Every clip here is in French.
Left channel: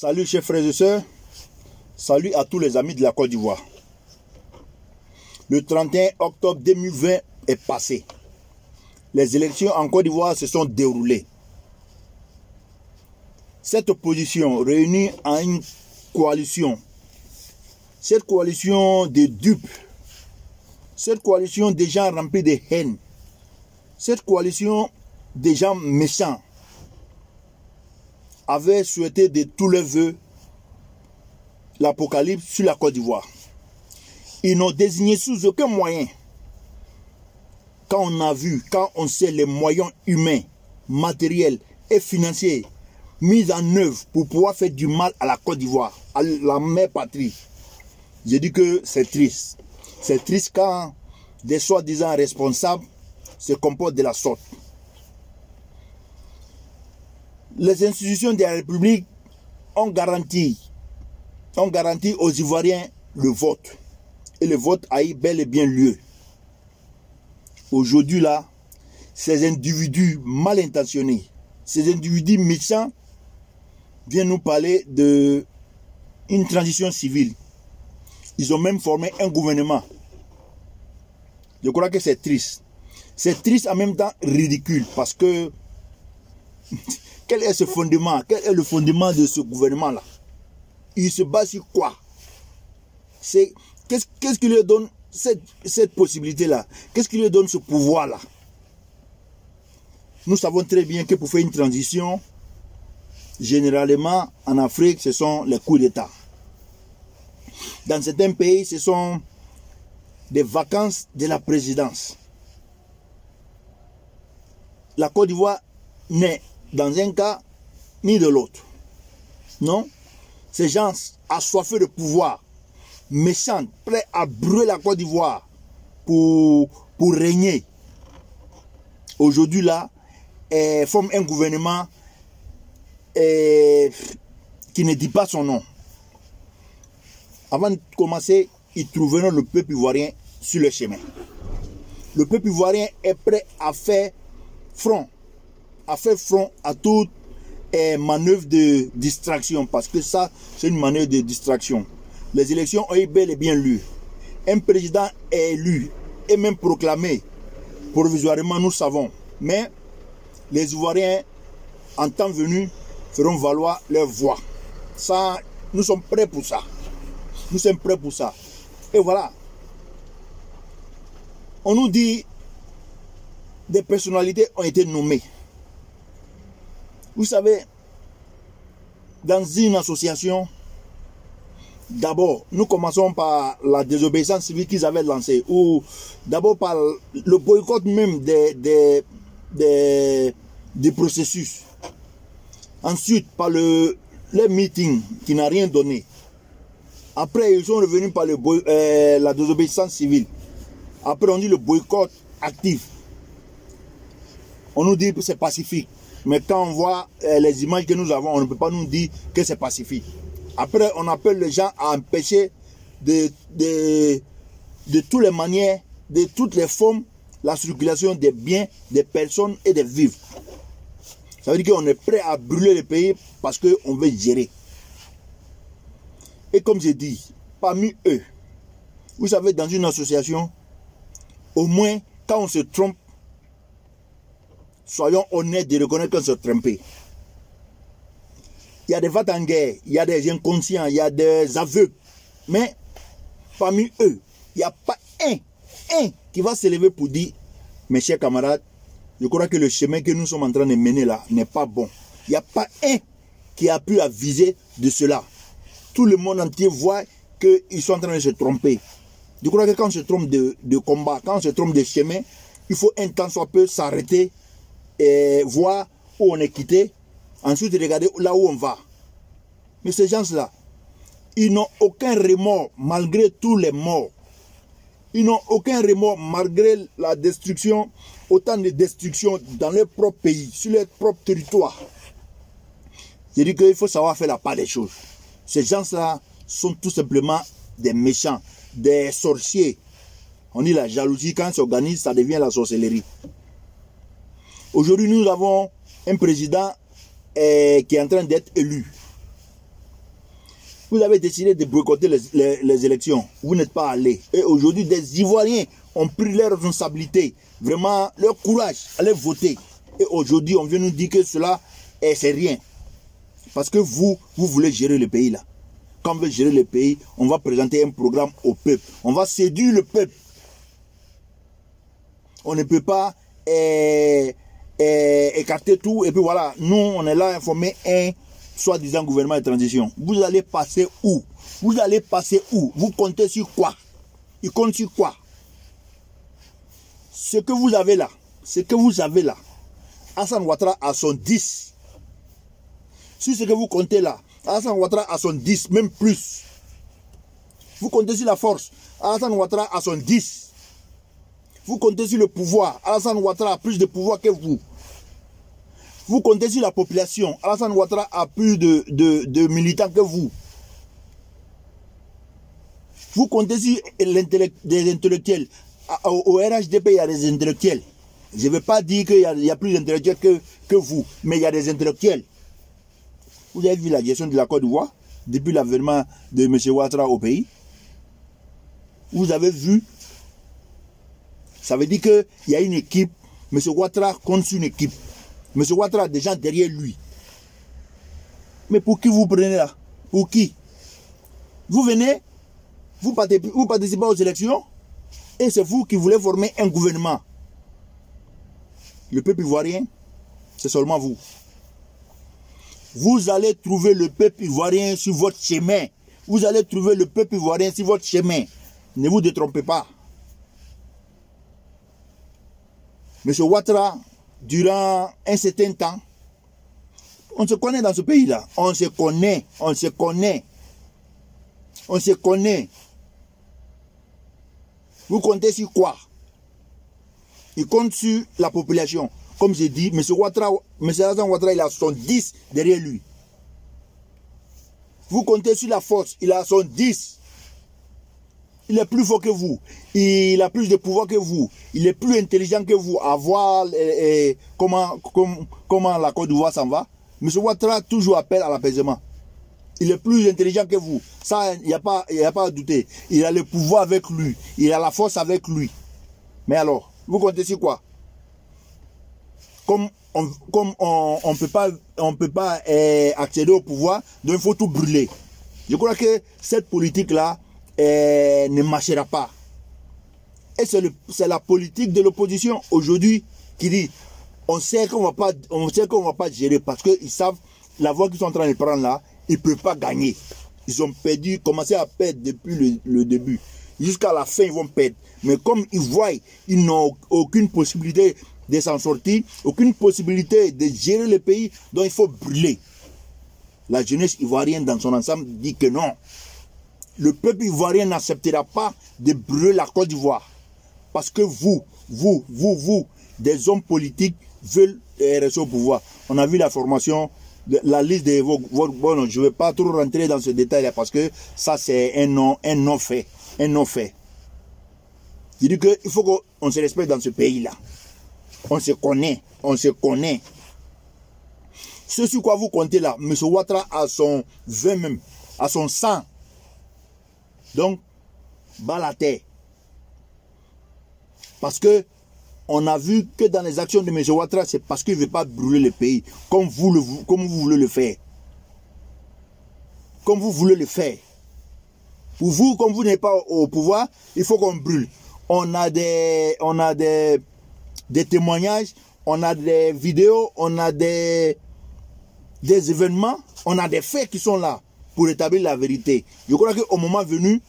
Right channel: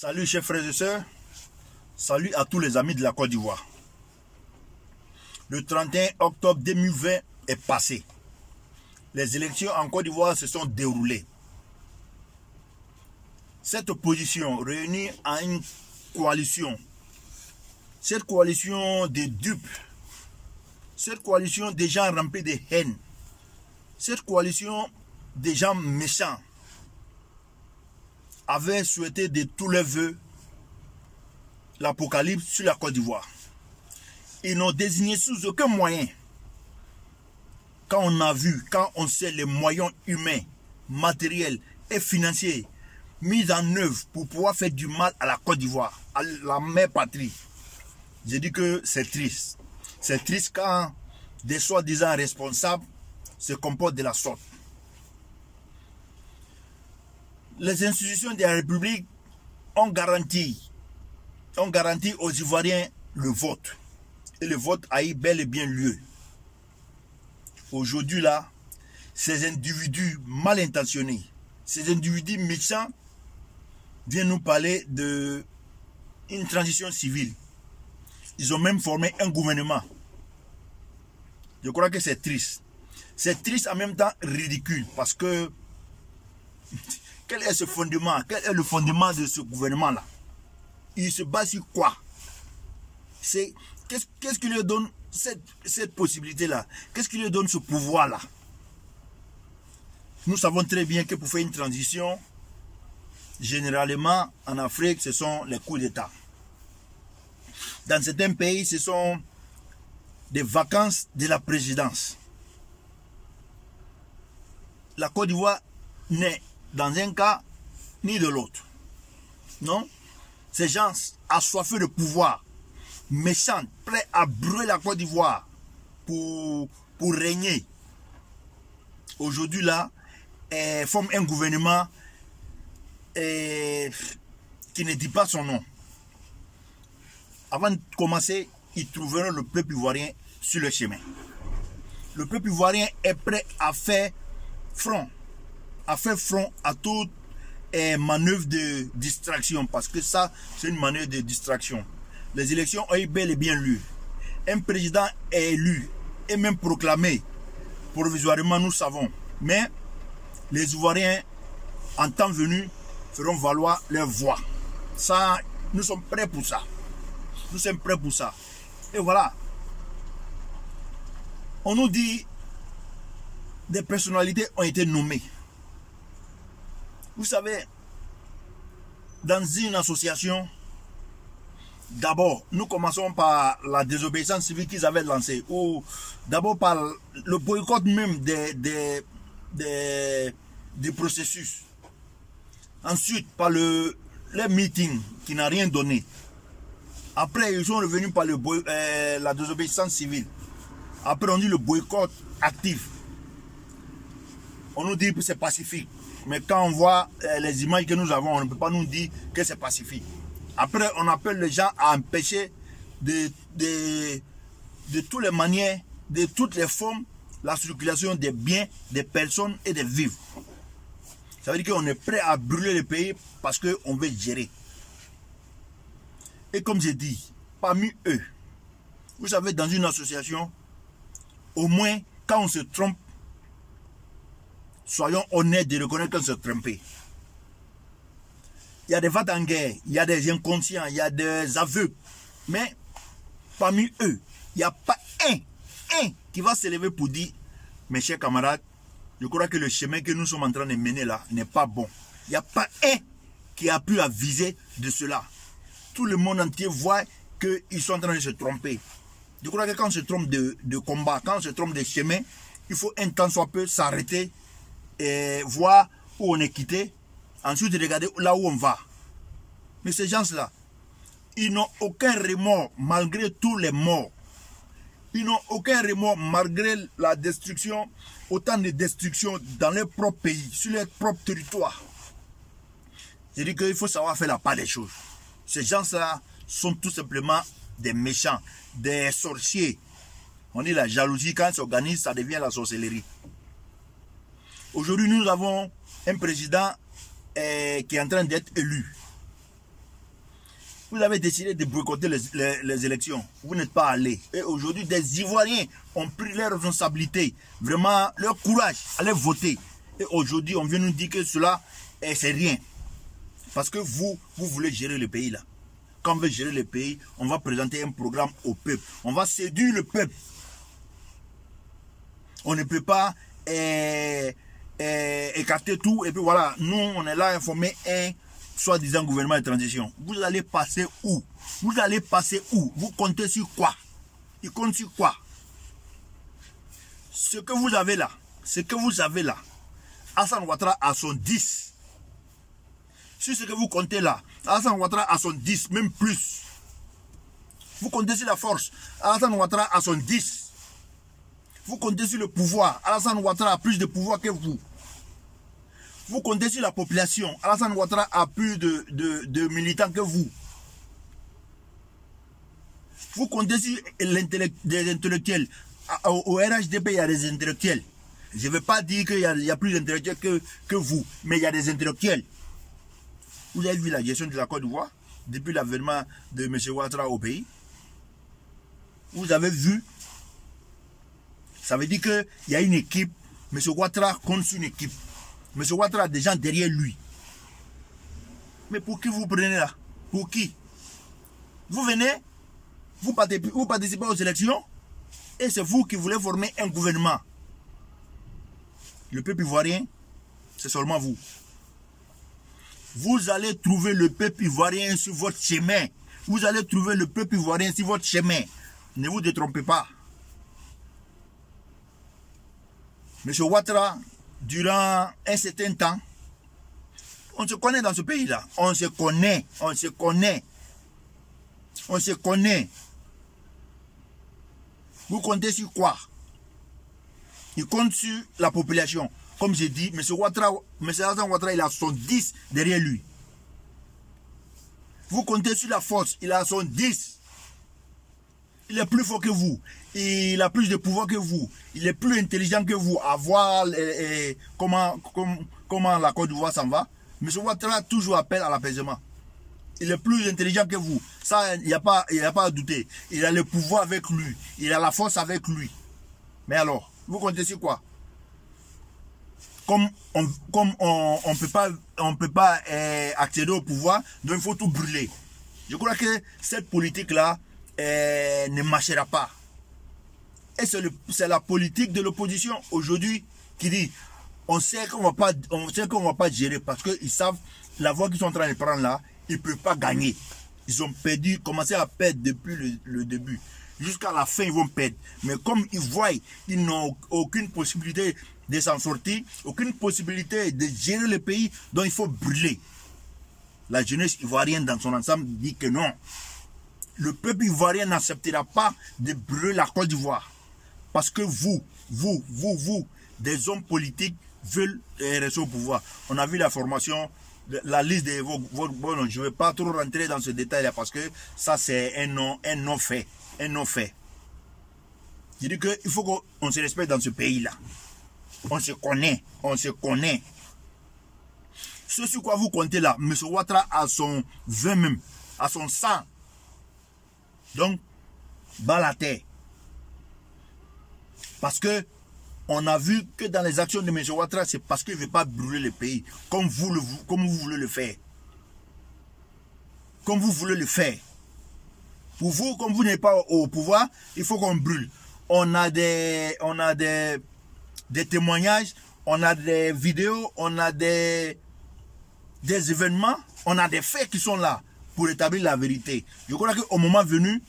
Salut chers frères et sœurs, salut à tous les amis de la Côte d'Ivoire. Le 31 octobre 2020 est passé. Les élections en Côte d'Ivoire se sont déroulées. Cette opposition réunie en une coalition, cette coalition de dupes, cette coalition des gens remplis de haine, cette coalition des gens méchants, avait souhaité de tous les vœux l'apocalypse sur la Côte d'Ivoire. Ils n'ont désigné sous aucun moyen. Quand on a vu, quand on sait les moyens humains, matériels et financiers mis en œuvre pour pouvoir faire du mal à la Côte d'Ivoire, à la mère patrie, j'ai dit que c'est triste. C'est triste quand des soi-disant responsables se comportent de la sorte. Les institutions de la République ont garanti aux Ivoiriens le vote. Et le vote a eu bel et bien lieu. Aujourd'hui là, ces individus mal intentionnés, ces individus méchants viennent nous parler de une transition civile. Ils ont même formé un gouvernement. Je crois que c'est triste. C'est triste en même temps ridicule parce que quel est ce fondement? Quel est le fondement de ce gouvernement-là? Il se base sur quoi? Qu'est-ce qui lui donne cette possibilité-là? Qu'est-ce qui lui donne ce pouvoir-là? Nous savons très bien que pour faire une transition, généralement en Afrique, ce sont les coups d'État. Dans certains pays, ce sont des vacances de la présidence. La Côte d'Ivoire n'est dans un cas ni de l'autre. Non? Ces gens assoiffés de pouvoir, méchants, prêts à brûler la Côte d'Ivoire pour régner. Aujourd'hui là, forment un gouvernement qui ne dit pas son nom. Avant de commencer, ils trouveront le peuple ivoirien sur le chemin. Le peuple ivoirien est prêt à faire front à toute manœuvre de distraction, parce que ça, c'est une manœuvre de distraction. Les élections ont eu bel et bien lieu. Un président est élu et même proclamé provisoirement, nous savons. Mais les Ivoiriens, en temps venu, feront valoir leur voix. Ça, nous sommes prêts pour ça. Nous sommes prêts pour ça. Et voilà. On nous dit des personnalités ont été nommées. Vous savez, dans une association, d'abord, nous commençons par la désobéissance civile qu'ils avaient lancée, ou d'abord par le boycott même des processus. Ensuite, par le meeting qui n'a rien donné. Après, ils sont revenus par la désobéissance civile. Après, on dit le boycott actif. On nous dit que c'est pacifique. Mais quand on voit les images que nous avons, on ne peut pas nous dire que c'est pacifique. Après, on appelle les gens à empêcher de toutes les manières, de toutes les formes, la circulation des biens, des personnes et des vivres. Ça veut dire qu'on est prêt à brûler le pays parce qu'on veut gérer. Et comme j'ai dit, parmi eux, vous savez, dans une association, au moins, quand on se trompe, soyons honnêtes de reconnaître qu'on se trompé. Il y a des va-t-en-guerre, il y a des inconscients, il y a des aveugles. Mais parmi eux, il n'y a pas un qui va se lever pour dire, mes chers camarades, je crois que le chemin que nous sommes en train de mener là n'est pas bon. Il n'y a pas un qui a pu aviser de cela. Tout le monde entier voit qu'ils sont en train de se tromper. Je crois que quand on se trompe de combat, quand on se trompe de chemin, il faut un temps soit peu s'arrêter et voir où on est quitté, ensuite regarder là où on va. Mais ces gens-là, ils n'ont aucun remords malgré tous les morts. Ils n'ont aucun remords malgré la destruction, autant de destruction dans leur propre pays, sur leur propre territoire. Je dis qu'il faut savoir faire la part des choses. Ces gens-là sont tout simplement des méchants, des sorciers. On dit la jalousie, quand ils s'organisent, ça devient la sorcellerie. Aujourd'hui, nous avons un président qui est en train d'être élu. Vous avez décidé de boycotter les élections. Vous n'êtes pas allé. Et aujourd'hui, des Ivoiriens ont pris leurs responsabilités. Vraiment, leur courage, aller voter. Et aujourd'hui, on vient nous dire que cela, c'est rien. Parce que vous voulez gérer le pays là. Quand on veut gérer le pays, on va présenter un programme au peuple. On va séduire le peuple. On ne peut pas écarter tout. Et puis voilà, nous, on est là à informer un soi-disant gouvernement de transition. Vous allez passer où? Vous allez passer où? Vous comptez sur quoi? Il compte sur quoi? Ce que vous avez là, Alassane Ouattara a son 10. Sur ce que vous comptez là, Alassane Ouattara a son 10, même plus. Vous comptez sur la force, Alassane Ouattara a son 10. Vous comptez sur le pouvoir, Alassane Ouattara a plus de pouvoir que vous. Vous comptez sur la population, Alassane Ouattara a plus de militants que vous. Vous comptez sur des intellectuels. Au RHDP, il y a des intellectuels. Je ne veux pas dire qu'il y a plus d'intellectuels que vous, mais il y a des intellectuels. Vous avez vu la gestion de la Côte d'Ivoire depuis l'avènement de M. Ouattara au pays. Vous avez vu. Ça veut dire qu'il y a une équipe. M. Ouattara compte sur une équipe. M. Ouattara a des gens derrière lui. Mais pour qui vous prenez là? Pour qui? Vous venez, vous participez aux élections, et c'est vous qui voulez former un gouvernement. Le peuple ivoirien, c'est seulement vous. Vous allez trouver le peuple ivoirien sur votre chemin. Vous allez trouver le peuple ivoirien sur votre chemin. Ne vous détrompez pas. M. Ouattara, durant un certain temps, on se connaît dans ce pays-là. On se connaît. Vous comptez sur quoi? Il compte sur la population. Comme j'ai dit, M. Alassane Ouattara, il a son 10 derrière lui. Vous comptez sur la force, il a son 10. Il est plus fort que vous. Il a plus de pouvoir que vous. Il est plus intelligent que vous. À voir comment la Côte d'Ivoire s'en va. M. Ouattara toujours appelle à l'apaisement. Il est plus intelligent que vous. Ça, il n'y a pas à douter. Il a le pouvoir avec lui. Il a la force avec lui. Mais alors, vous comptez sur quoi? Comme on ne peut pas accéder au pouvoir, donc il faut tout brûler. Je crois que cette politique-là ne marchera pas. Et c'est la politique de l'opposition aujourd'hui qui dit on sait qu'on va pas gérer parce qu'ils savent la voie qu'ils sont en train de prendre là, ils ne peuvent pas gagner. Ils ont commencé à perdre depuis le début. Jusqu'à la fin, ils vont perdre. Mais comme ils voient, ils n'ont aucune possibilité de s'en sortir, aucune possibilité de gérer le pays, donc il faut brûler. La jeunesse ivoirienne dans son ensemble dit que non. Le peuple ivoirien n'acceptera pas de brûler la Côte d'Ivoire. Parce que vous, des hommes politiques, veulent rester au pouvoir. On a vu la formation, la liste de vos... Bon, je ne vais pas trop rentrer dans ce détail-là parce que ça, c'est un non fait. Un non fait. Je dis qu'il faut qu'on se respecte dans ce pays-là. On se connaît. Ce sur quoi vous comptez là, M. Ouattara a son 20 même, a son 100. Donc, bas la terre. Parce que on a vu que dans les actions de M. Ouattara, c'est parce qu'il ne veut pas brûler le pays, comme vous voulez le faire. Comme vous voulez le faire. Pour vous, comme vous n'êtes pas au pouvoir, il faut qu'on brûle. On a des témoignages, on a des vidéos, on a des événements, on a des faits qui sont là pour établir la vérité. Je crois qu'au moment venu,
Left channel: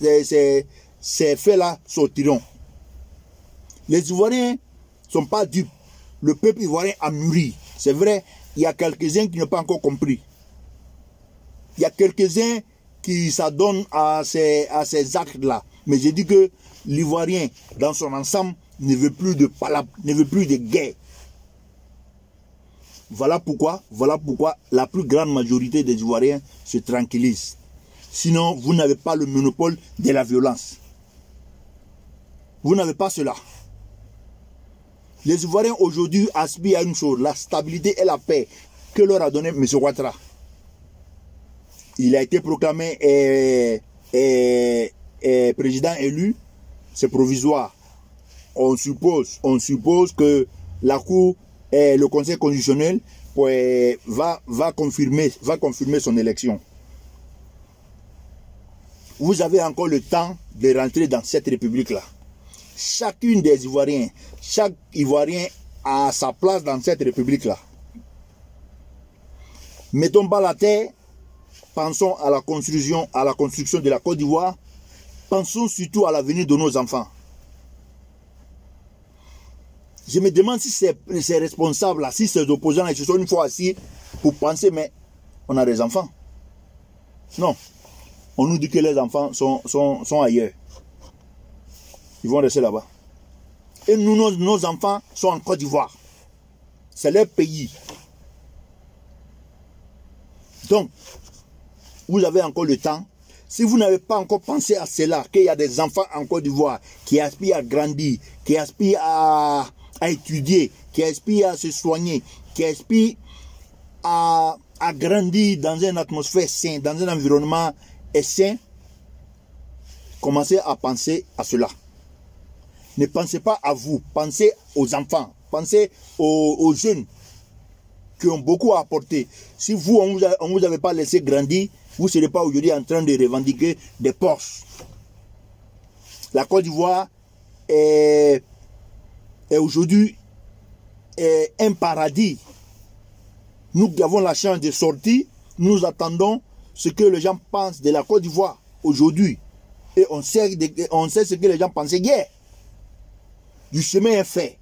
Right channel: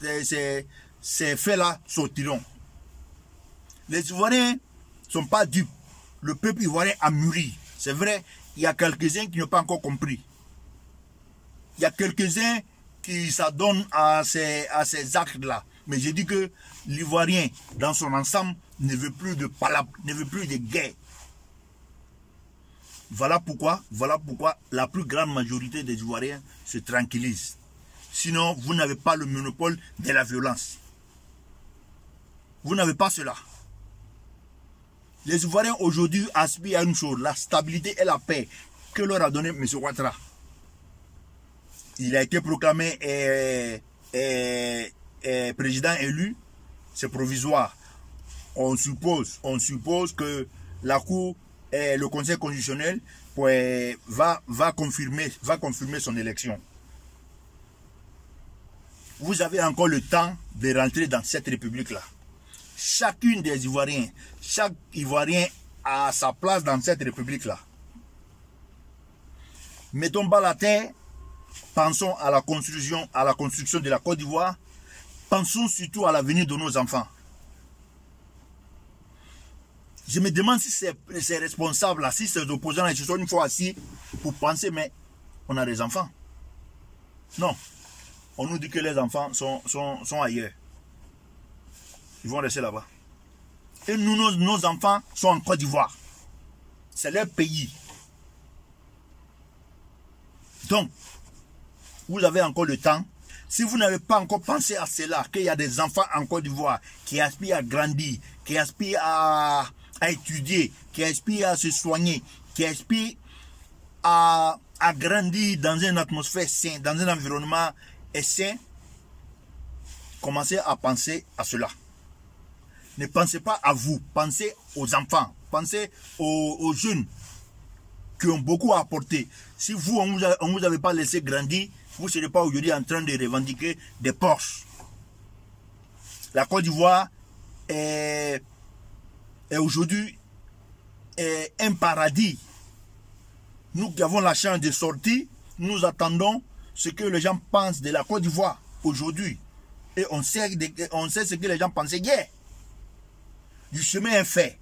ces faits-là sortiront. Les Ivoiriens ne sont pas dupes. Le peuple ivoirien a mûri. C'est vrai, il y a quelques-uns qui n'ont pas encore compris. Il y a quelques-uns qui s'adonnent à ces actes-là. Mais je dis que l'Ivoirien, dans son ensemble, ne veut plus de palabres, ne veut plus de guerre. Voilà pourquoi la plus grande majorité des Ivoiriens se tranquillisent. Sinon, vous n'avez pas le monopole de la violence. Vous n'avez pas cela. Les Ivoiriens aujourd'hui aspirent à une chose, la stabilité et la paix que leur a donné M. Ouattara. il a été proclamé président élu, c'est provisoire. On suppose que la Cour, le Conseil constitutionnel va confirmer son élection. Vous avez encore le temps de rentrer dans cette république-là. Chacune des Ivoiriens, chaque Ivoirien a sa place dans cette république-là. Mettons bas la terre, pensons à la construction de la Côte d'Ivoire, pensons surtout à l'avenir de nos enfants. Je me demande si ces responsables-là, si ces opposants-là, se sont une fois assis pour penser, mais on a des enfants. Non. On nous dit que les enfants sont ailleurs. Ils vont rester là-bas. Et nous, nos enfants sont en Côte d'Ivoire. C'est leur pays. Donc, vous avez encore le temps. Si vous n'avez pas encore pensé à cela, qu'il y a des enfants en Côte d'Ivoire qui aspirent à grandir, qui aspirent à étudier, qui aspirent à se soigner, qui aspirent à grandir dans une atmosphère saine, dans un environnement sain, commencez à penser à cela. Ne pensez pas à vous, pensez aux enfants, pensez aux jeunes qui ont beaucoup à apporter. Si vous, on vous avait pas laissé grandir, vous ne serez pas aujourd'hui en train de revendiquer des Porsche. La Côte d'Ivoire est aujourd'hui un paradis. Nous qui avons la chance de sortir, nous attendons ce que les gens pensent de la Côte d'Ivoire aujourd'hui. Et on sait ce que les gens pensaient hier. Du chemin est fait.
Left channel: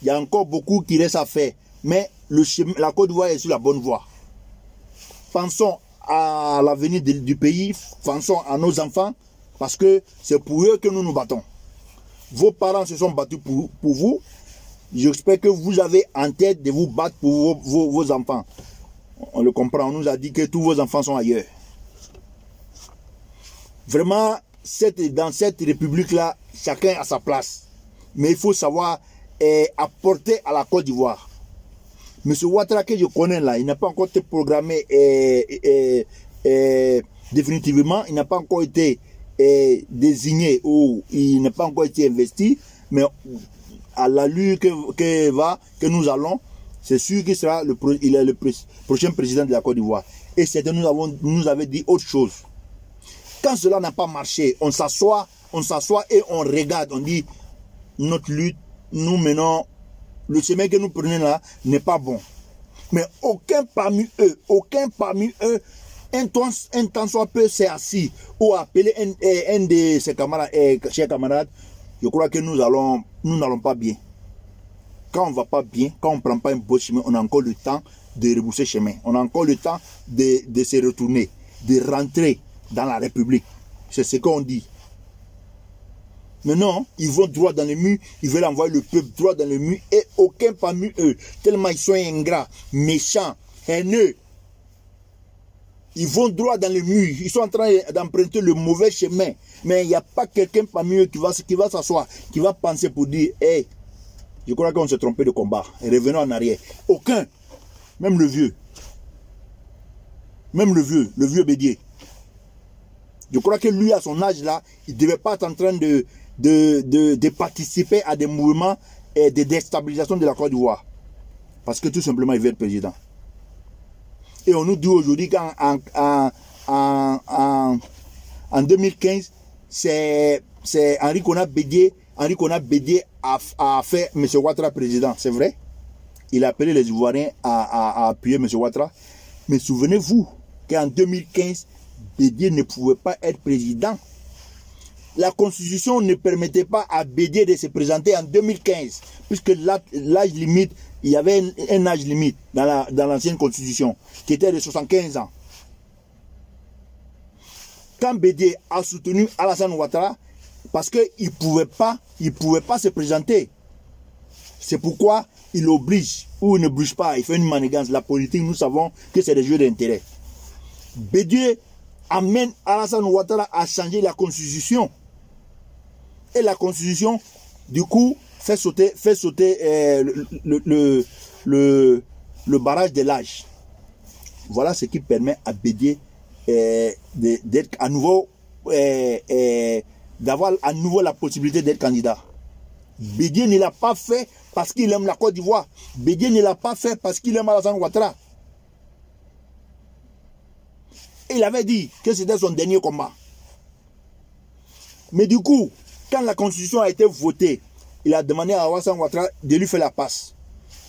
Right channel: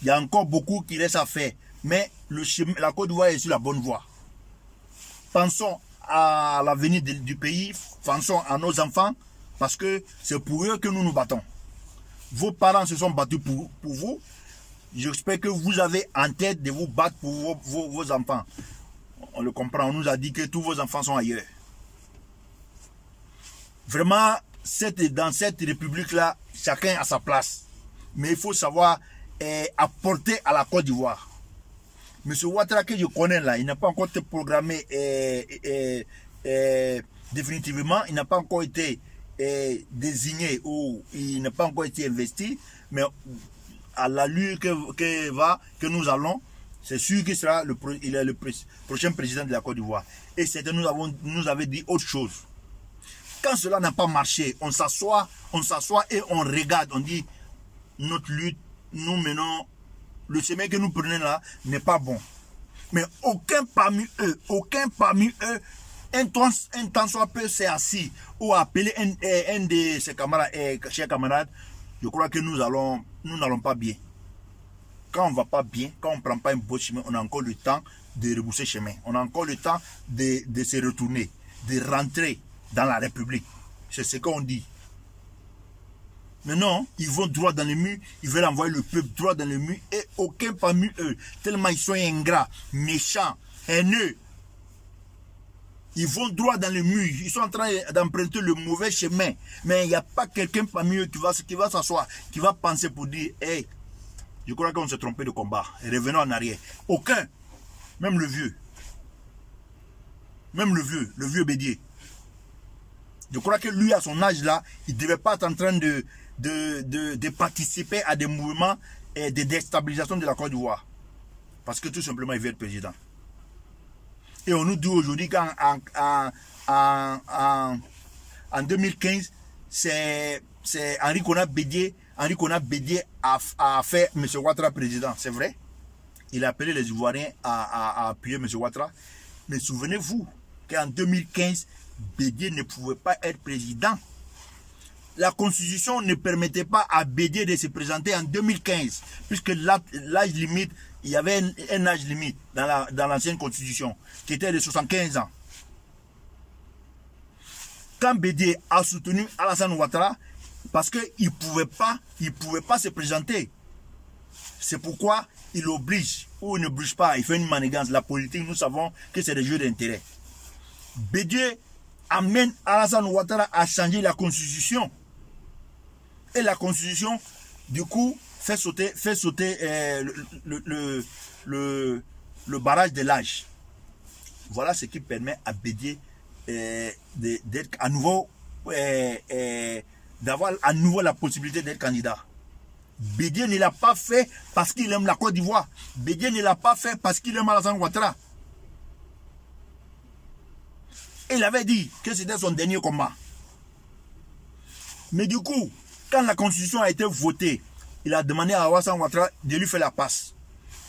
Il y a encore beaucoup qui reste à faire. Mais la Côte d'Ivoire est sur la bonne voie. Pensons à l'avenir du pays, pensons à nos enfants, parce que c'est pour eux que nous nous battons. Vos parents se sont battus pour vous. J'espère que vous avez en tête de vous battre pour vos enfants. On le comprend, on nous a dit que tous vos enfants sont ailleurs. Vraiment, dans cette république-là, chacun a sa place. Mais il faut savoir apporter à la Côte d'Ivoire. Monsieur Ouattara que je connais là, il n'a pas encore été programmé définitivement, il n'a pas encore été désigné ou il n'a pas encore été investi, mais à l'allure que nous allons, c'est sûr qu'il sera le prochain président de la Côte d'Ivoire. Et c'est nous avait dit autre chose. Quand cela n'a pas marché, on s'assoit et on regarde, on dit notre lutte, nous menons, le chemin que nous prenons là n'est pas bon. Mais aucun parmi eux, un temps soit peu s'est assis ou appeler un de ses camarades, chers camarades, je crois que nous n'allons pas bien. Quand on ne va pas bien, quand on ne prend pas un beau chemin, on a encore le temps de rebousser chemin. On a encore le temps de se retourner, de rentrer dans la République. C'est ce qu'on dit. Mais non, ils vont droit dans le mur, ils veulent envoyer le peuple droit dans le mur et aucun parmi eux, tellement ils sont ingrats, méchants, haineux. Ils vont droit dans le mur, ils sont en train d'emprunter le mauvais chemin. Mais il n'y a pas quelqu'un parmi eux qui va s'asseoir, qui va penser pour dire, hey, je crois qu'on s'est trompé de combat, revenons en arrière. Aucun, même le vieux le Bédier. Je crois que lui, à son âge là, il ne devait pas être en train de participer à des mouvements de déstabilisation de la Côte d'Ivoire. Parce que tout simplement, il veut être président. Et on nous dit aujourd'hui qu'en 2015, c'est Henri Konan Bédier a fait M. Ouattara président. C'est vrai. Il a appelé les Ivoiriens à appuyer M. Ouattara. Mais souvenez-vous qu'en 2015, Bédier ne pouvait pas être président. La constitution ne permettait pas à Bédier de se présenter en 2015, puisque l'âge limite, il y avait un âge limite dans l'ancienne constitution, qui était de 75 ans. Quand Bédier a soutenu Alassane Ouattara, parce qu'il ne pouvait pas se présenter. C'est pourquoi il oblige, ou il ne bouge pas, il fait une manigance. La politique, nous savons que c'est des jeux d'intérêt. Bédier amène Alassane Ouattara à changer la constitution. Et la constitution, du coup, fait sauter le barrage de l'âge. Voilà ce qui permet à Bédié d'être à nouveau, d'avoir à nouveau la possibilité d'être candidat. Bédié ne l'a pas fait parce qu'il aime la Côte d'Ivoire. Bédié ne l'a pas fait parce qu'il aime Alassane Ouattara. Il avait dit que c'était son dernier combat. Mais du coup, quand la constitution a été votée, il a demandé à Alassane Ouattara de lui faire la passe.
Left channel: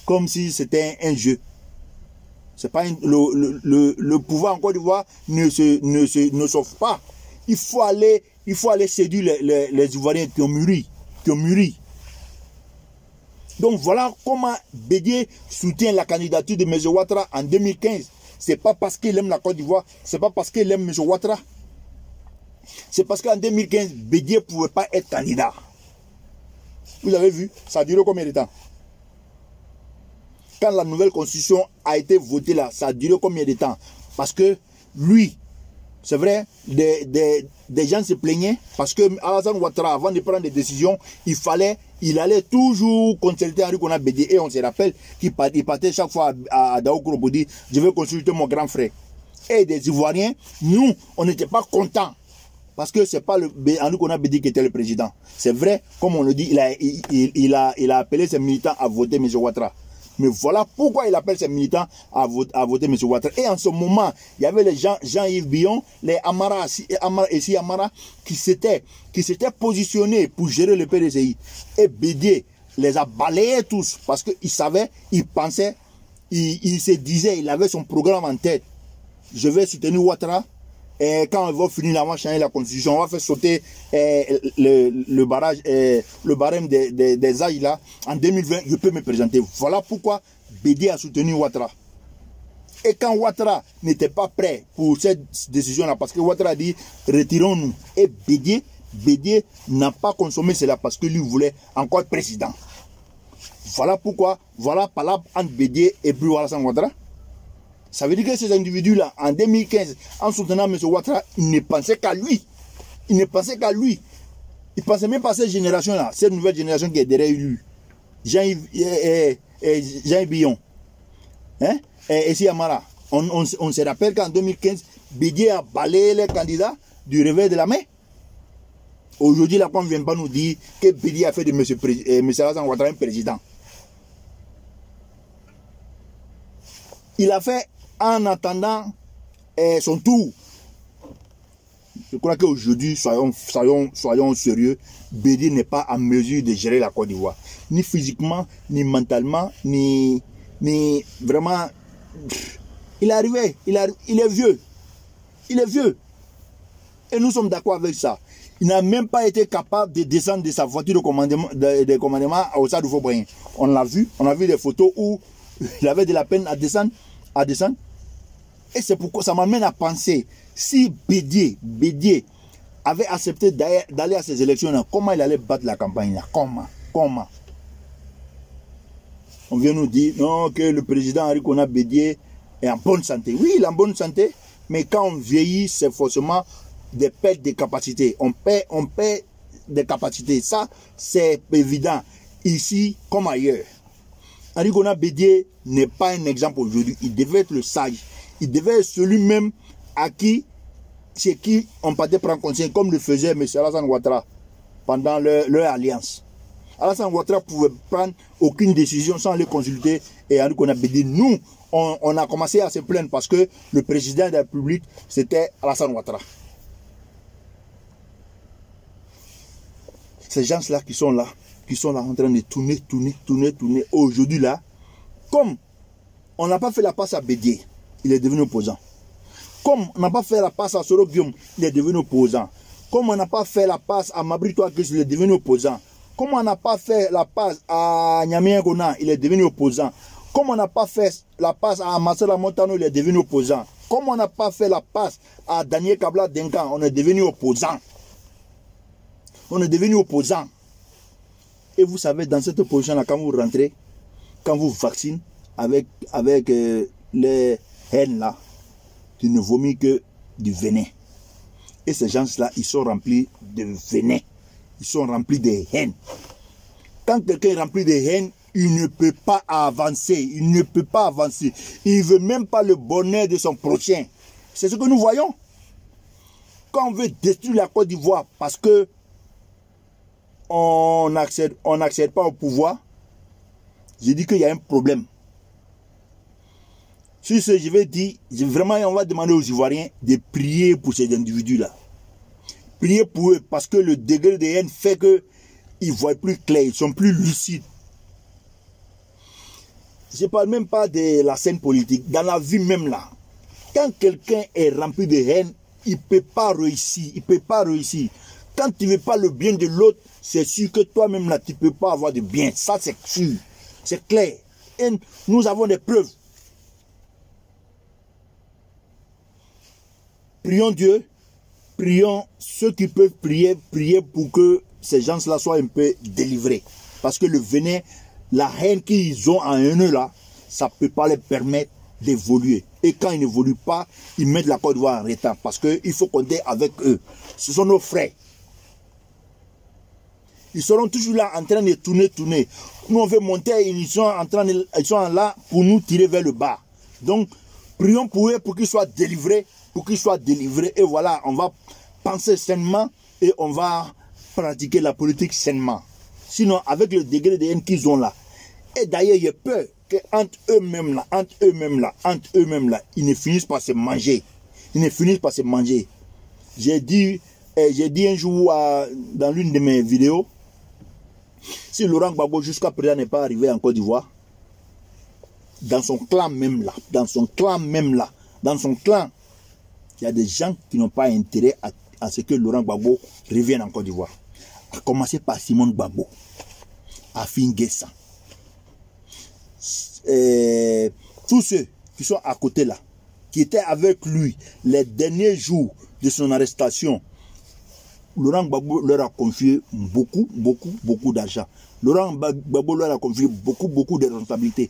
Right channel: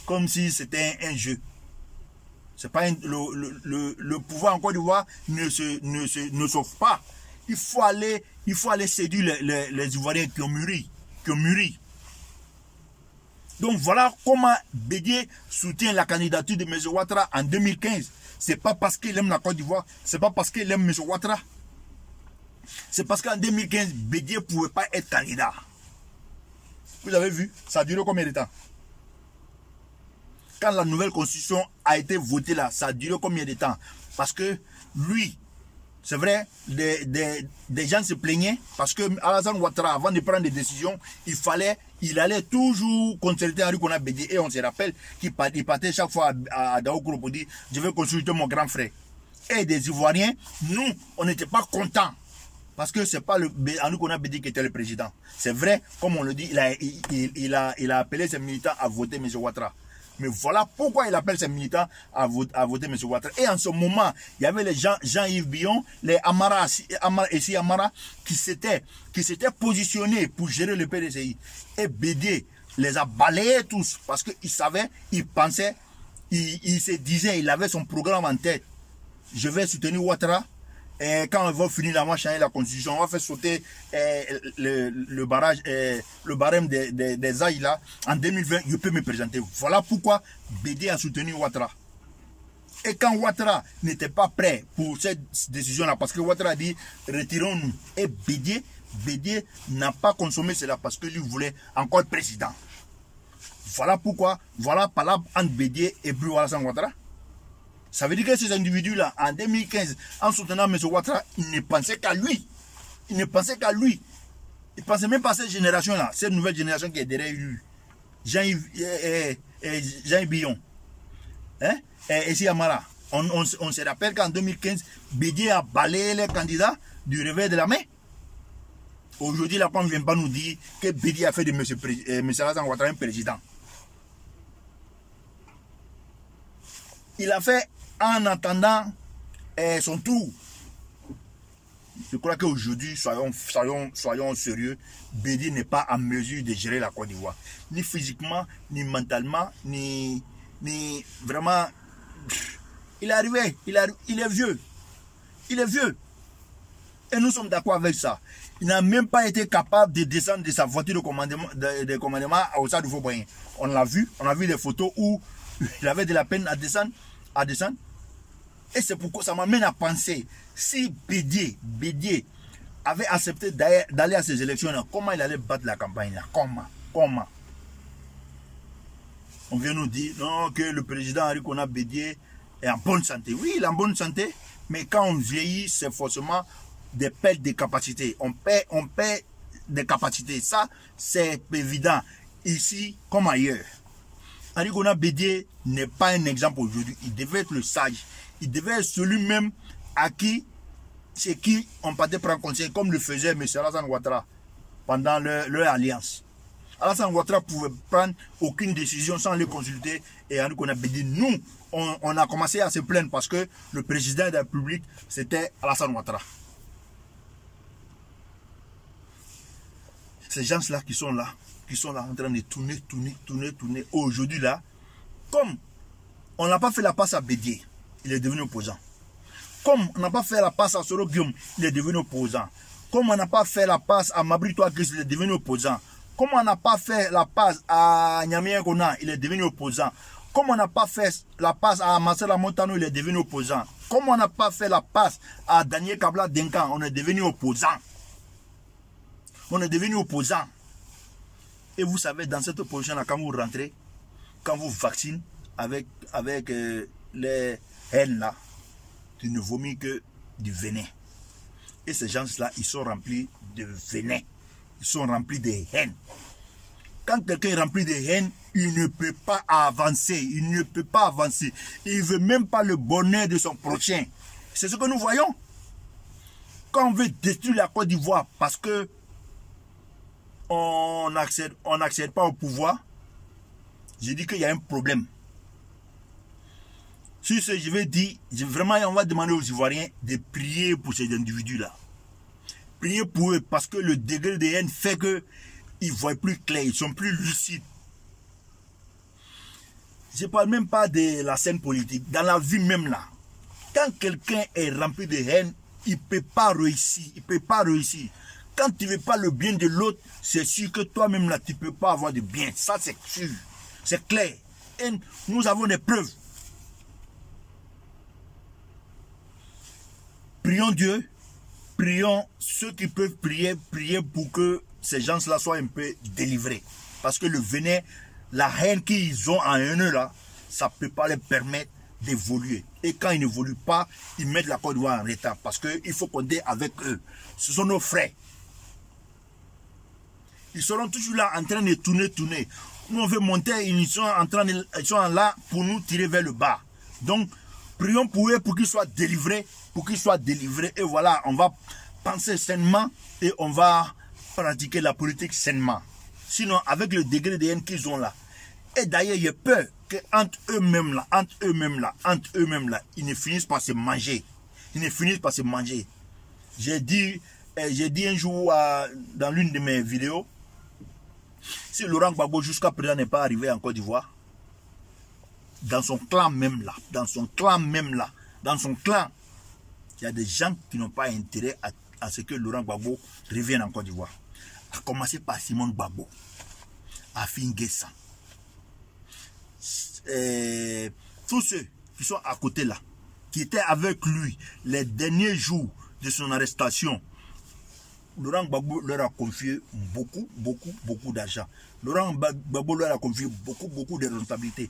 Comme si c'était un jeu. C'est pas le pouvoir en Côte d'Ivoire ne s'offre pas. Il faut aller séduire les Ivoiriens qui ont mûri. Donc voilà comment Bédié soutient la candidature de M. Ouattara en 2015. C'est pas parce qu'il aime la Côte d'Ivoire, c'est pas parce qu'il aime M. Ouattara. C'est parce qu'en 2015, Bédié ne pouvait pas être candidat. Vous avez vu, ça a duré combien de temps? Quand la nouvelle constitution a été votée là, ça a duré combien de temps? Parce que lui, c'est vrai, des gens se plaignaient parce que Alassane Ouattara, avant de prendre des décisions, il allait toujours consulter Henri Konan Bédié. Et on se rappelle qu'il partait chaque fois à Daoukro pour dire je vais consulter mon grand frère. Et des Ivoiriens, nous, on n'était pas contents. Parce que ce n'est pas Henri Konan Bédié qui était le président. C'est vrai, comme on le dit, il a appelé ses militants à voter M. Ouattara. Mais voilà pourquoi il appelle ses militants à voter M. Ouattara. Et en ce moment, il y avait les Jean-Yves Billon, les Amara qui s'étaient positionnés pour gérer le PDCI. Et Bédié les a balayés tous parce qu'il savait, il pensait, il se disait, il avait son programme en tête. Je vais soutenir Ouattara. Et quand on va finir la changer la constitution, on va faire sauter le barème des âges là. En 2020, je peux me présenter. Voilà pourquoi Bédié a soutenu Ouattara. Et quand Ouattara n'était pas prêt pour cette décision-là, parce que Ouattara a dit retirons-nous. Et Bédié n'a pas consommé cela parce que lui voulait encore être président. Voilà pourquoi, voilà palabre entre Bédié et Blou Alassane Ouattara. Ça veut dire que ces individus-là, en 2015, en soutenant M. Ouattara, ils ne pensaient qu'à lui. Ils ne pensaient qu'à lui. Ils ne pensaient même pas à cette génération-là, cette nouvelle génération qui est derrière lui. Jean-Yves Billon. Hein? Et si Amara. On se rappelle qu'en 2015, Bédié a balayé les candidats du réveil de la main. Aujourd'hui, là, on ne vient pas nous dire que Bédié a fait de M. Alassane Ouattara un président. Il a fait en attendant son tour. Je crois qu'aujourd'hui, soyons sérieux, Bédié n'est pas en mesure de gérer la Côte d'Ivoire. Ni physiquement, ni mentalement, ni vraiment... Il est arrivé, il est vieux. Il est vieux. Et nous sommes d'accord avec ça. Il n'a même pas été capable de descendre de sa voiture de commandement au stade de Faubourg. On l'a vu, on a vu des photos où il avait de la peine à descendre. Et c'est pourquoi ça m'amène à penser, si Bédié avait accepté d'aller à ces élections-là, comment il allait battre la campagne-là? Comment? On vient nous dire non, que le président Henri Konan Bédié est en bonne santé. Oui, il est en bonne santé, mais quand on vieillit, c'est forcément des pertes de capacités. On perd des capacités. Ça, c'est évident, ici comme ailleurs. Henri Konan Bédié n'est pas un exemple aujourd'hui. Il devait être le sage. Il devait être celui-même chez qui on partait prendre conscience, comme le faisait M. Alassane Ouattara pendant leur alliance. Alassane Ouattara ne pouvait prendre aucune décision sans les consulter. Et Henri Konan Bédié, nous, on a commencé à se plaindre parce que le président de la République, c'était Alassane Ouattara. Ces gens-là qui sont là en train de tourner. Aujourd'hui là, comme on n'a pas fait la passe à Bédié, il est devenu opposant. Comme on n'a pas fait la passe à Soro Guillaume, il est devenu opposant. Comme on n'a pas fait la passe à Mabrito Akris, il est devenu opposant. Comme on n'a pas fait la passe à Nyamien Gona, il est devenu opposant. Comme on n'a pas fait la passe à Marcela Montano, il est devenu opposant. Comme on n'a pas fait la passe à Daniel Kabla Denkan, on est devenu opposant. On est devenu opposant. Et vous savez, dans cette opposition-là, quand vous rentrez, quand vous vaccinez avec les haines là, tu ne vomis que du venin. Et ces gens-là, ils sont remplis de venin. Ils sont remplis de haine. Quand quelqu'un est rempli de haine, il ne peut pas avancer. Il ne peut pas avancer. Il ne veut même pas le bonheur de son prochain. C'est ce que nous voyons. Quand on veut détruire la Côte d'Ivoire parce que on n'accède pas au pouvoir, j'ai dit qu'il y a un problème. Sur ce, je vais dire, vraiment, on va demander aux Ivoiriens de prier pour ces individus-là. Prier pour eux parce que le degré de haine fait qu'ils ne voient plus clair, ils sont plus lucides. Je ne parle même pas de la scène politique. Dans la vie même là, quand quelqu'un est rempli de haine, il ne peut pas réussir. Il ne peut pas réussir. Quand tu ne veux pas le bien de l'autre, c'est sûr que toi-même là, tu ne peux pas avoir de bien. Ça, c'est sûr. C'est clair. Et nous avons des preuves. Prions Dieu. Prions ceux qui peuvent prier pour que ces gens-là soient un peu délivrés. Parce que le venin, la haine qu'ils ont en eux là, ça ne peut pas les permettre d'évoluer. Et quand ils n'évoluent pas, ils mettent la Côte d'Ivoire en retard. Parce qu'il faut compter avec eux. Ce sont nos frères. Ils seront toujours là en train de tourner. Nous on veut monter, ils sont là pour nous tirer vers le bas. Donc, prions pour eux pour qu'ils soient délivrés. Et voilà, on va penser sainement et on va pratiquer la politique sainement. Sinon, avec le degré de haine qu'ils ont là, et d'ailleurs, j'ai peur qu'entre eux-mêmes là, ils ne finissent par se manger. J'ai dit un jour dans l'une de mes vidéos, si Laurent Gbagbo jusqu'à présent n'est pas arrivé en Côte d'Ivoire, dans son clan même là, il y a des gens qui n'ont pas intérêt à ce que Laurent Gbagbo revienne en Côte d'Ivoire. À commencer par Simone Gbagbo, Afin N'Guessan. Tous ceux qui sont à côté là, qui étaient avec lui les derniers jours de son arrestation, Laurent Gbagbo leur a confié beaucoup d'argent. Laurent Gbagbo leur a confié beaucoup de responsabilités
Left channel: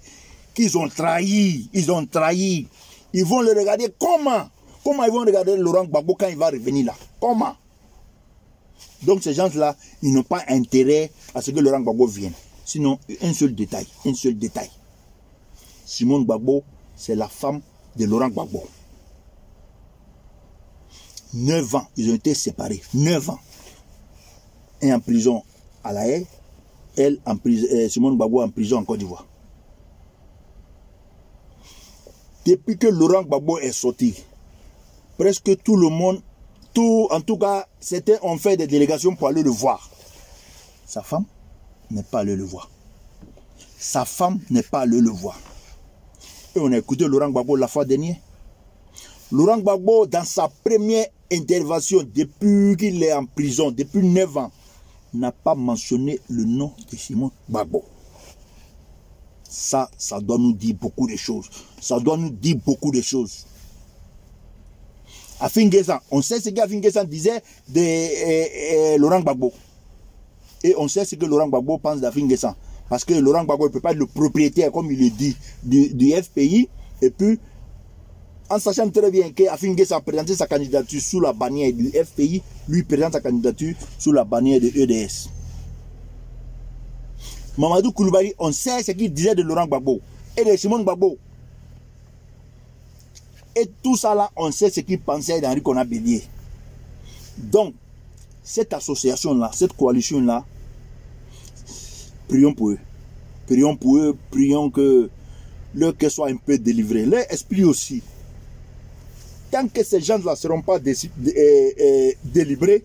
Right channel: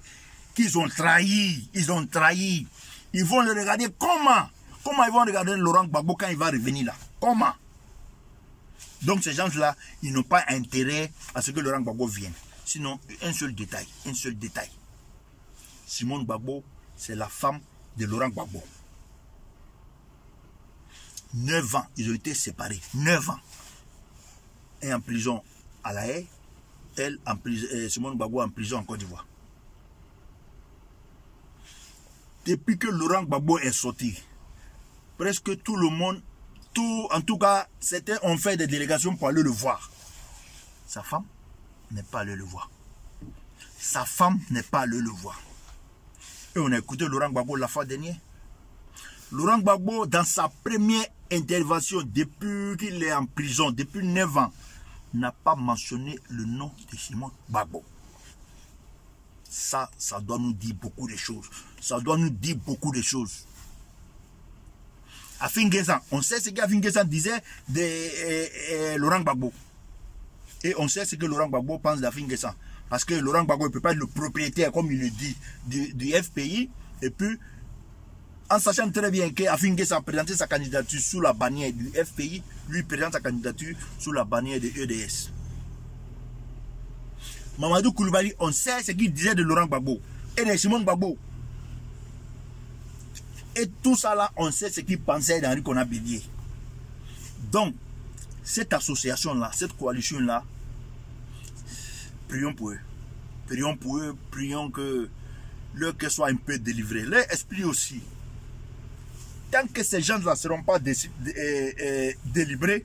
qu'ils ont trahi. Ils vont le regarder comment ils vont regarder Laurent Gbagbo quand il va revenir là? Comment? Donc ces gens-là, ils n'ont pas intérêt à ce que Laurent Gbagbo vienne. Sinon, un seul détail. Simone Gbagbo, c'est la femme de Laurent Gbagbo. 9 ans, ils ont été séparés. 9 ans. Et en prison à La Haye, Simone Gbagbo en prison en Côte d'Ivoire. Depuis que Laurent Gbagbo est sorti, presque tout le monde, en tout cas, certains ont fait des délégations pour aller le voir. Sa femme n'est pas allée le voir. Et on a écouté Laurent Gbagbo la fois dernière. Laurent Gbagbo, dans sa première intervention, depuis qu'il est en prison, depuis 9 ans, n'a pas mentionné le nom de Simone Gbagbo. Ça doit nous dire beaucoup de choses. Afin N'Guessan, on sait ce qu'Afin N'Guessan disait de Laurent Gbagbo. Et on sait ce que Laurent Gbagbo pense d'Afin N'Guessan. Parce que Laurent Gbagbo ne peut pas être le propriétaire, comme il le dit, du FPI. Et puis, en sachant très bien qu'Afin N'Guessan a présenté sa candidature sous la bannière du FPI, lui présente sa candidature sous la bannière de EDS. Mamadou Koulibaly, on sait ce qu'il disait de Laurent Gbagbo et de Simone Gbagbo. Et tout ça là, on sait ce qu'il pensait d'Henri Konan Bédié. Donc, cette association-là, cette coalition-là, prions pour eux. Prions que leur cœur soit un peu délivré. Leur esprit aussi. Tant que ces gens-là ne seront pas délivrés,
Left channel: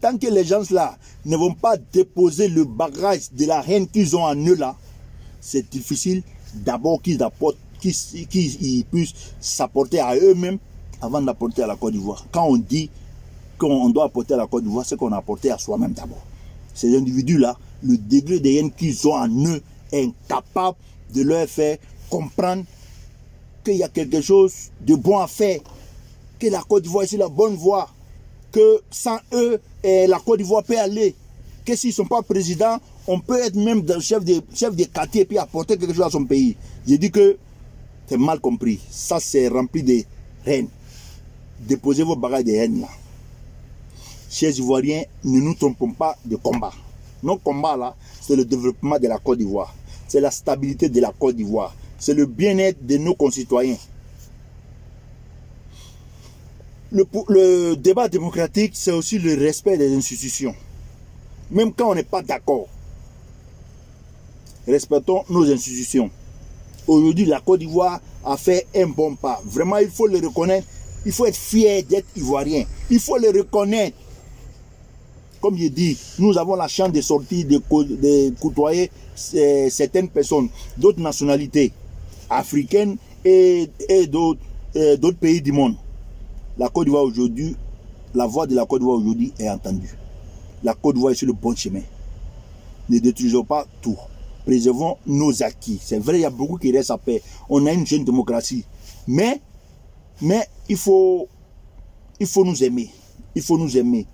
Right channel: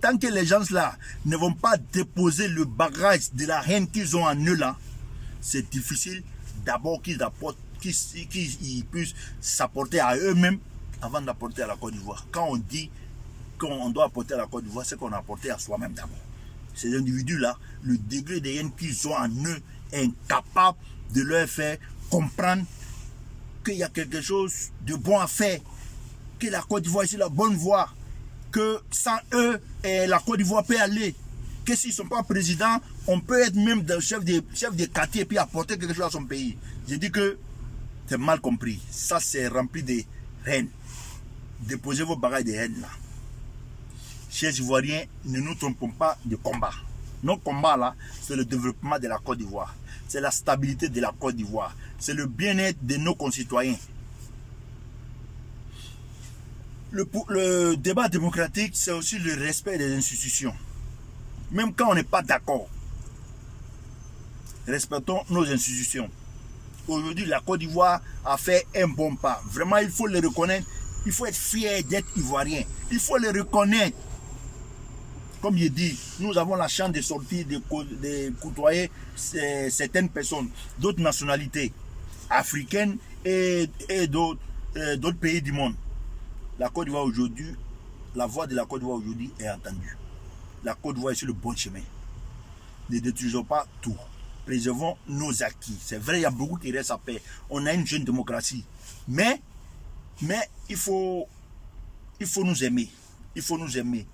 tant que les gens-là ne vont pas déposer le bagage de la haine qu'ils ont en eux là, c'est difficile d'abord qu'ils puissent s'apporter à eux-mêmes avant d'apporter à la Côte d'Ivoire. Quand on dit qu'on doit apporter à la Côte d'Ivoire, c'est qu'on a apporté à soi-même d'abord. Ces individus-là, le degré de haine qu'ils ont en eux est incapable de leur faire comprendre qu'il y a quelque chose de bon à faire, que la Côte d'Ivoire est sur la bonne voie, que sans eux, la Côte d'Ivoire peut aller, que s'ils ne sont pas présidents, on peut être même chef de quartier et puis apporter quelque chose à son pays. J'ai dit que c'est mal compris. Ça, c'est rempli de haine. Déposez vos bagages de haine là. Chers Ivoiriens, ne nous trompons pas de combat. Notre combat là, c'est le développement de la Côte d'Ivoire. C'est la stabilité de la Côte d'Ivoire. C'est le bien-être de nos concitoyens. Le débat démocratique, c'est aussi le respect des institutions. Même quand on n'est pas d'accord, respectons nos institutions. Aujourd'hui, la Côte d'Ivoire a fait un bon pas. Vraiment, il faut le reconnaître. Il faut être fier d'être ivoirien. Il faut le reconnaître. Comme je dis, nous avons la chance de sortir, de côtoyer certaines personnes d'autres nationalités africaines et d'autres pays du monde. La Côte d'Ivoire aujourd'hui, la voix de la Côte d'Ivoire aujourd'hui est entendue. La Côte d'Ivoire est sur le bon chemin. Ne détruisons pas tout. Préservons nos acquis. C'est vrai, il y a beaucoup qui restent à paix. On a une jeune démocratie. Mais il faut nous aimer. Il faut nous aimer.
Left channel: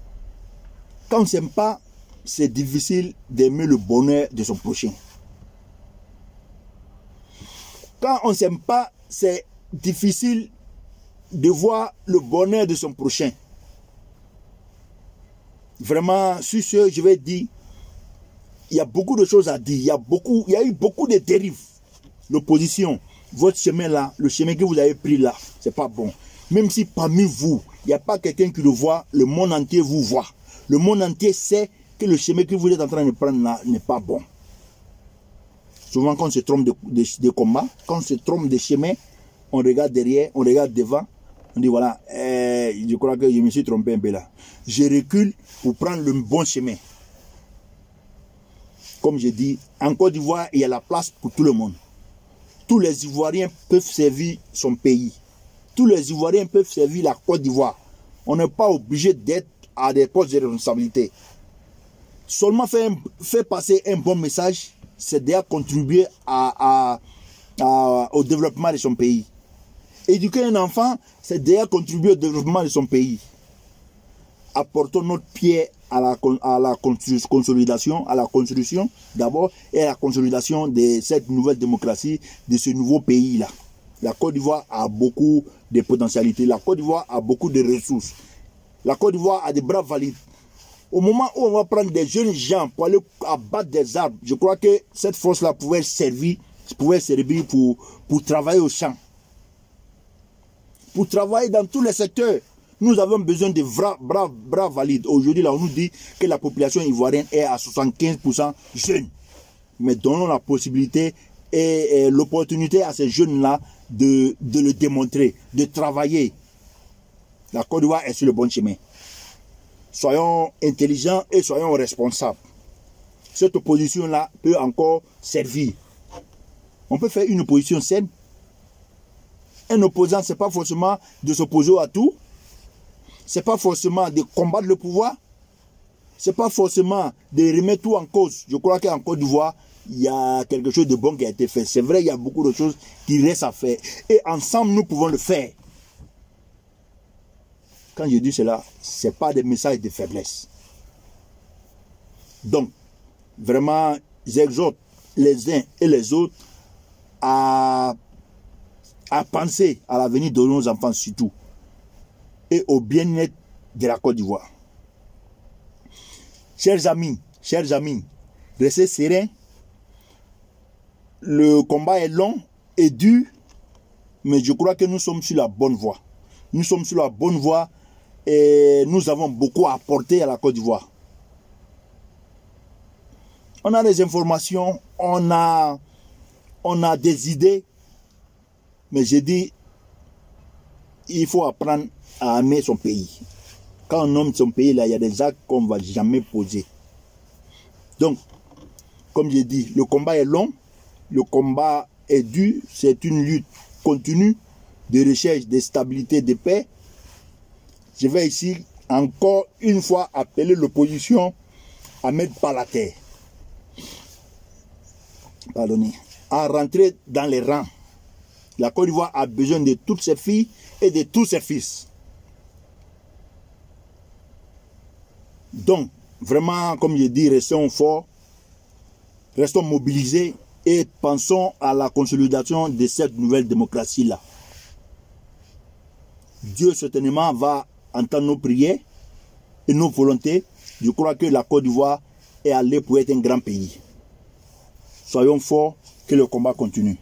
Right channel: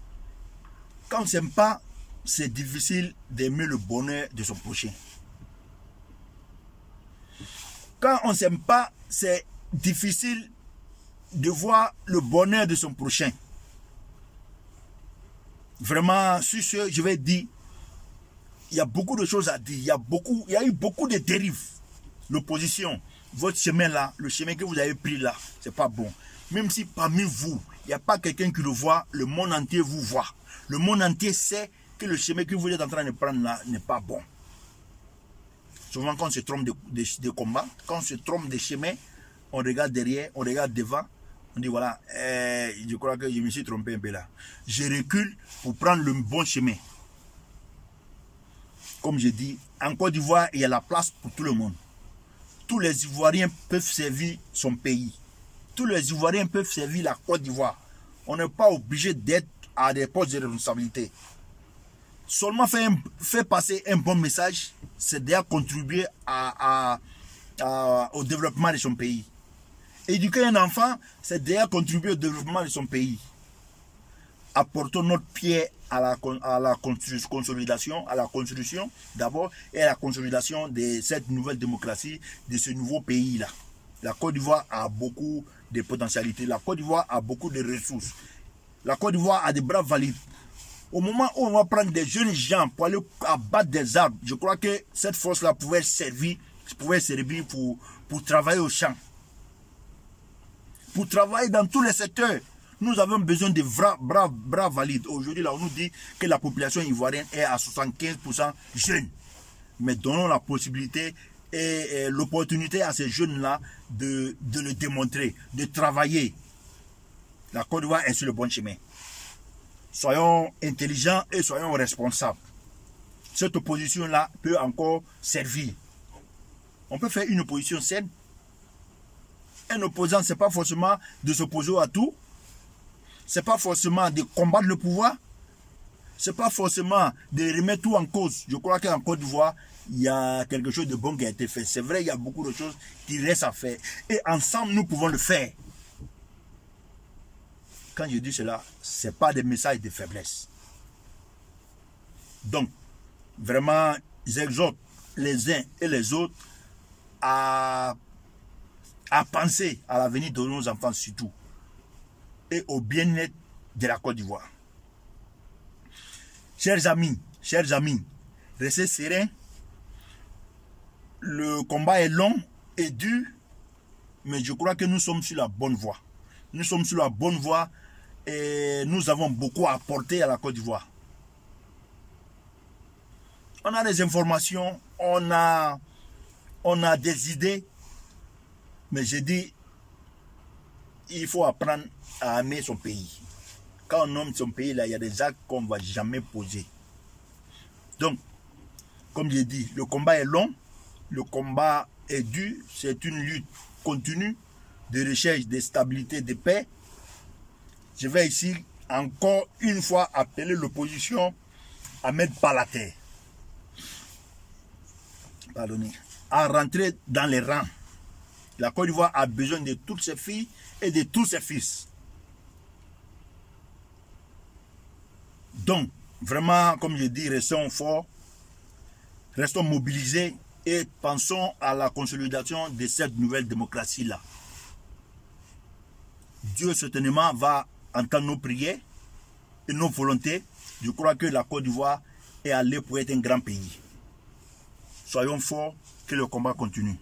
Quand on ne s'aime pas, c'est difficile d'aimer le bonheur de son prochain. Quand on ne s'aime pas, c'est difficile de voir le bonheur de son prochain. Vraiment, sur ce, je vais dire, il y a beaucoup de choses à dire. Il y a eu beaucoup de dérives. L'opposition, votre chemin là, le chemin que vous avez pris là, c'est pas bon. Même si parmi vous, il n'y a pas quelqu'un qui le voit, le monde entier vous voit. Le monde entier sait que le chemin que vous êtes en train de prendre là n'est pas bon. Souvent, quand on se trompe de combat, quand on se trompe de chemin, on regarde derrière, on regarde devant, on dit voilà, je crois que je me suis trompé un peu là. Je recule pour prendre le bon chemin. Comme je dis, en Côte d'Ivoire, il y a la place pour tout le monde. Tous les Ivoiriens peuvent servir son pays. Tous les Ivoiriens peuvent servir la Côte d'Ivoire. On n'est pas obligé d'être à des postes de responsabilité. Seulement faire passer un bon message, c'est déjà contribuer au développement de son pays. Éduquer un enfant, c'est déjà contribuer au développement de son pays. Apportons notre pierre à la consolidation, à la construction d'abord, et à la consolidation de cette nouvelle démocratie, de ce nouveau pays-là. La Côte d'Ivoire a beaucoup de potentialités. La Côte d'Ivoire a beaucoup de ressources. La Côte d'Ivoire a des bras valides. Au moment où on va prendre des jeunes gens pour aller abattre des arbres, je crois que cette force-là pouvait servir pour travailler au champ. Pour travailler dans tous les secteurs. Nous avons besoin de bras valides. Aujourd'hui, là, on nous dit que la population ivoirienne est à 75% jeune. Mais donnons la possibilité et l'opportunité à ces jeunes-là de le démontrer, de travailler. La Côte d'Ivoire est sur le bon chemin. Soyons intelligents et soyons responsables. Cette opposition-là peut encore servir. On peut faire une opposition saine. Un opposant, ce n'est pas forcément de s'opposer à tout. Ce n'est pas forcément de combattre le pouvoir. Ce n'est pas forcément de remettre tout en cause. Je crois qu'en Côte d'Ivoire, il y a quelque chose de bon qui a été fait. C'est vrai, il y a beaucoup de choses qui restent à faire. Et ensemble, nous pouvons le faire. Quand je dis cela, ce n'est pas des messages de faiblesse. Donc, vraiment, j'exhorte les uns et les autres à penser à l'avenir de nos enfants surtout et au bien-être de la Côte d'Ivoire. Chers amis, restez sereins. Le combat est long et dur, mais je crois que nous sommes sur la bonne voie. Nous sommes sur la bonne voie et nous avons beaucoup à apporter à la Côte d'Ivoire. On a des informations, on a des idées, mais je dis, il faut apprendre à aimer son pays. Quand on aime son pays, là, il y a des actes qu'on ne va jamais poser. Donc, comme je dis, le combat est long, le combat est dur, c'est une lutte continue de recherche de stabilité, de paix. Je vais ici encore une fois appeler l'opposition à mettre pas la terre. Pardonnez. À rentrer dans les rangs. La Côte d'Ivoire a besoin de toutes ses filles et de tous ses fils. Donc, vraiment, comme je dis, restons forts, restons mobilisés et pensons à la consolidation de cette nouvelle démocratie-là. Dieu certainement va entendre nos prières et nos volontés. Je crois que la Côte d'Ivoire est allé pour être un grand pays. Soyons forts, que le combat continue.